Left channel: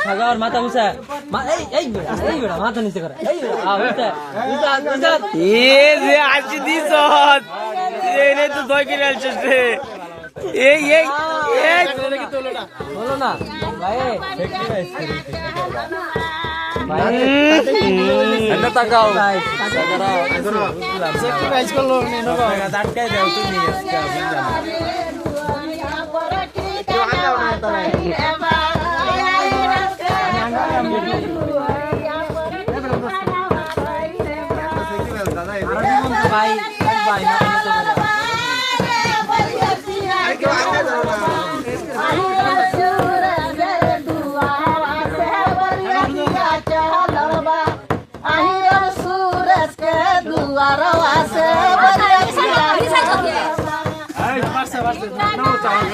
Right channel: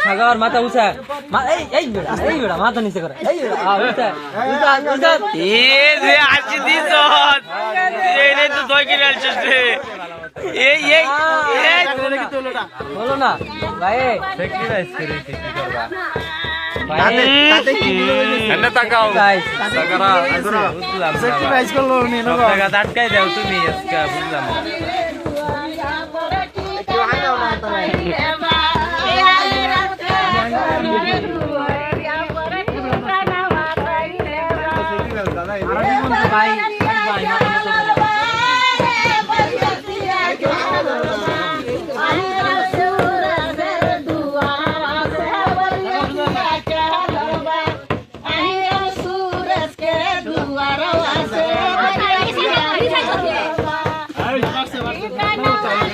খাগার মাথা উঁচা এই বেড়া মাথা নিচে করে এই বেড়া উঁচা এ যে আসি দিছ এই নে তো দই কিনে আনছিস রে এই এই এই বলো না ভাই স্যাক্রিফাইস করে কি করবা ভাই এনে তাকাও সাগরা বুঝলাম স্যাক্রিফাইস করলো নি সব টাকা আটকাই দাও তুমি আজকে বুঝলাম ভাই ভাই মাথা নিচে করে Ay, marcha, marcha. No, estamos en el